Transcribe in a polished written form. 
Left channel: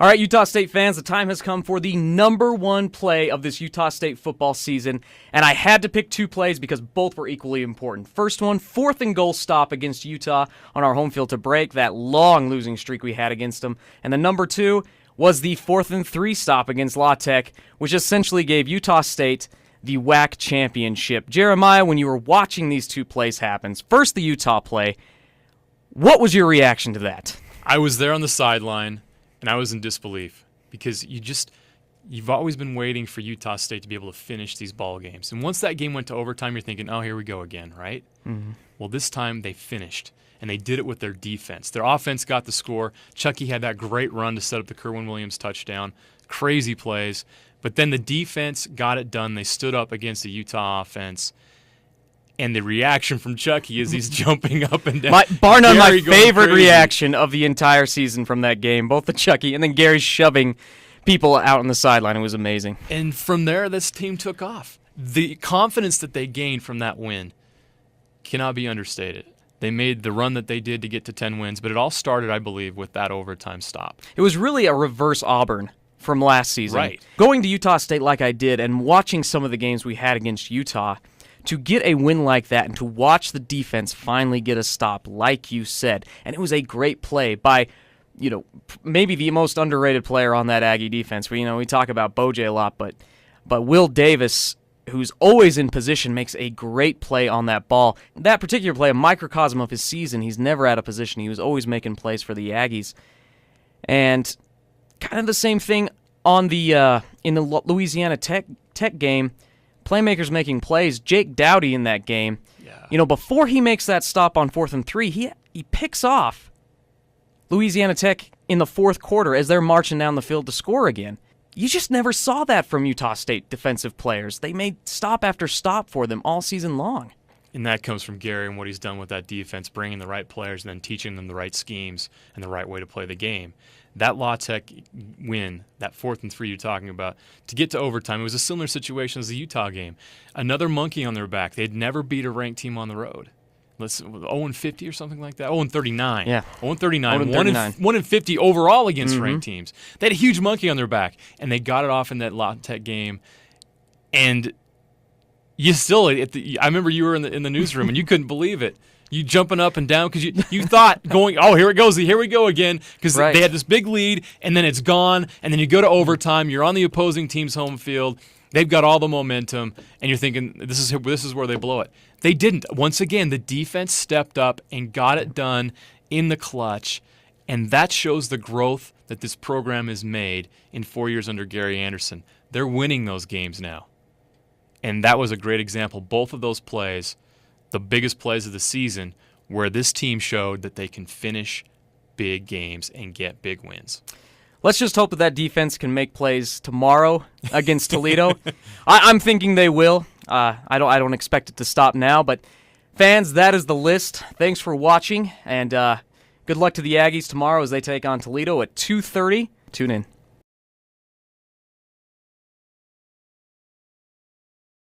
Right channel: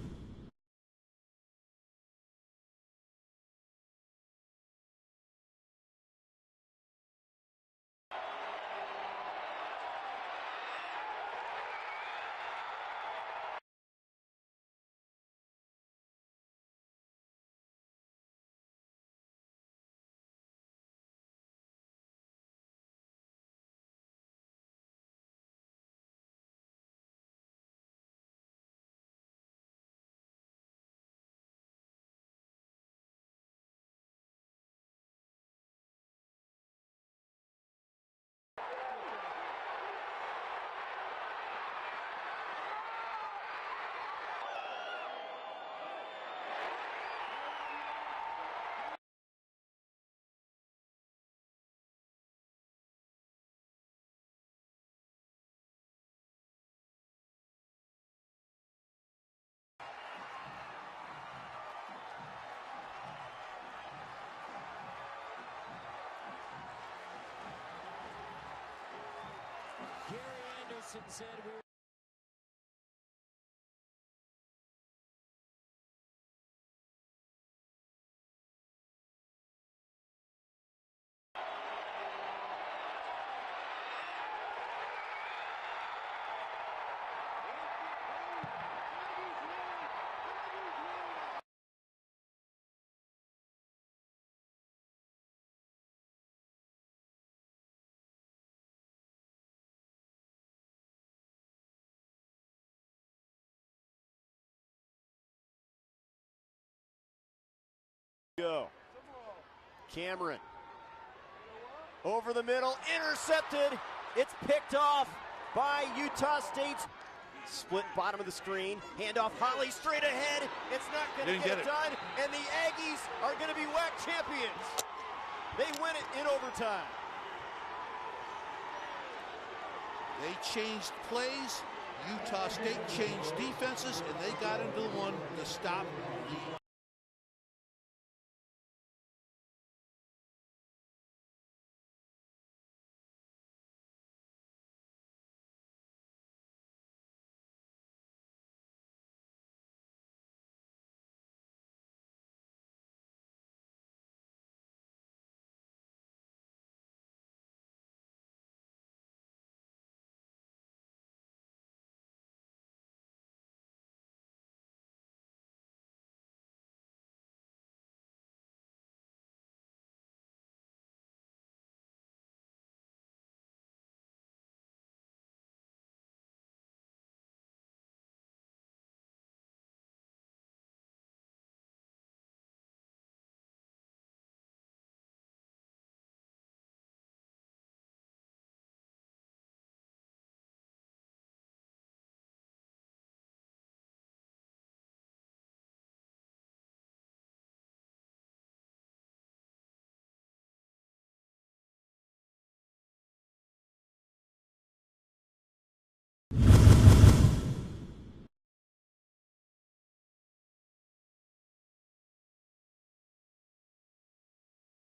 All right, Utah State fans, the time has come for the number one play of this Utah State football season, and I had to pick two plays because both were equally important. First one, 4th and goal stop against Utah on our home field to break that long losing streak we had against them. And then number 2 was the 4th and 3 stop against La Tech, which essentially gave Utah State the WAC championship. Jeremiah, when you were watching these two plays happen, first the Utah play, what was your reaction to that? I was there on the sideline, and I was in disbelief because you've always been waiting for Utah State to be able to finish these ball games. And once that game went to overtime, you're thinking, oh, here we go again, right? Mm-hmm. Well, this time they finished, and they did it with their defense. Their offense got the score. Chucky had that great run to set up the Kerwin-Williams touchdown. Crazy plays. But then the defense got it done. They stood up against the Utah offense. And the reaction from Chucky is he's jumping up and down. Bar none, my favorite reaction of the entire season from that game, both the Chucky and then Gary shoving people out on the sideline. It was amazing. And from there, this team took off. The confidence that they gained from that win cannot be understated. They made the run that they did to get to 10 wins, but it all started, I believe, with that overtime stop. It was really a reverse Auburn from last season. Right. Going to Utah State like I did and watching some of the games we had against Utah, to get a win like that and to watch the defense finally get a stop, like you said, and it was a great play by, maybe the most underrated player on that Aggie defense. We talk about Boj a lot, but Will Davis, who's always in position, makes a great play on that ball. That particular play, a microcosm of his season, he's never out of position. He was always making plays for the Aggies. And kind of the same thing on the in the Louisiana Tech game. Playmakers making plays. Jake Dowdy in that game, before he makes that stop on 4th and 3, he picks off Louisiana Tech in the fourth quarter as they're marching down the field to score again. You just never saw that from Utah State defensive players. They made stop after stop for them all season long. And that comes from Gary and what he's done with that defense, bringing the right players and then teaching them the right schemes and the right way to play the game. That La Tech win, that 4th and 3 you're talking about, to get to overtime, it was a similar situation as the Utah game. Another monkey on their back. They'd never beat a ranked team on the road. 0-50 or something like that. 0-39. Yeah. 0-39. 1-50 overall against ranked teams. They had a huge monkey on their back, and they got it off in that La Tech game. And you still, I remember you were in the newsroom and you couldn't believe it. You jumping up and down because you thought here we go again, because they had this big lead and then it's gone, and then you go to overtime. You're on the opposing team's home field. They've got all the momentum, and you're thinking this is where they blow it. They didn't. Once again, the defense stepped up and got it done in the clutch, and that shows the growth that this program has made in 4 years under Gary Anderson. They're winning those games now. And that was a great example. Both of those plays, the biggest plays of the season, where this team showed that they can finish big games and get big wins. Let's just hope that defense can make plays tomorrow against Toledo. I'm thinking they will. I don't expect it to stop now. But fans, that is the list. Thanks for watching, and good luck to the Aggies tomorrow as they take on Toledo at 2:30. Tune in.